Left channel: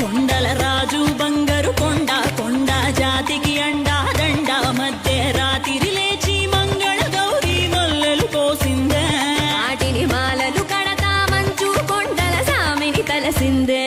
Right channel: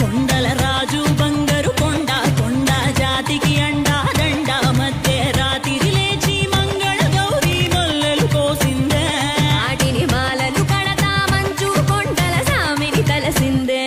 కొండల రాజు బంగారు కొండ కొండ జాతికి అండా దండ మధ్య రాత్రి లేచి మంగళ గౌరీ మొల్లెలు కోసిందే వాటిని మాలలు కడతా మంచు కొండల సామిని తలసిందే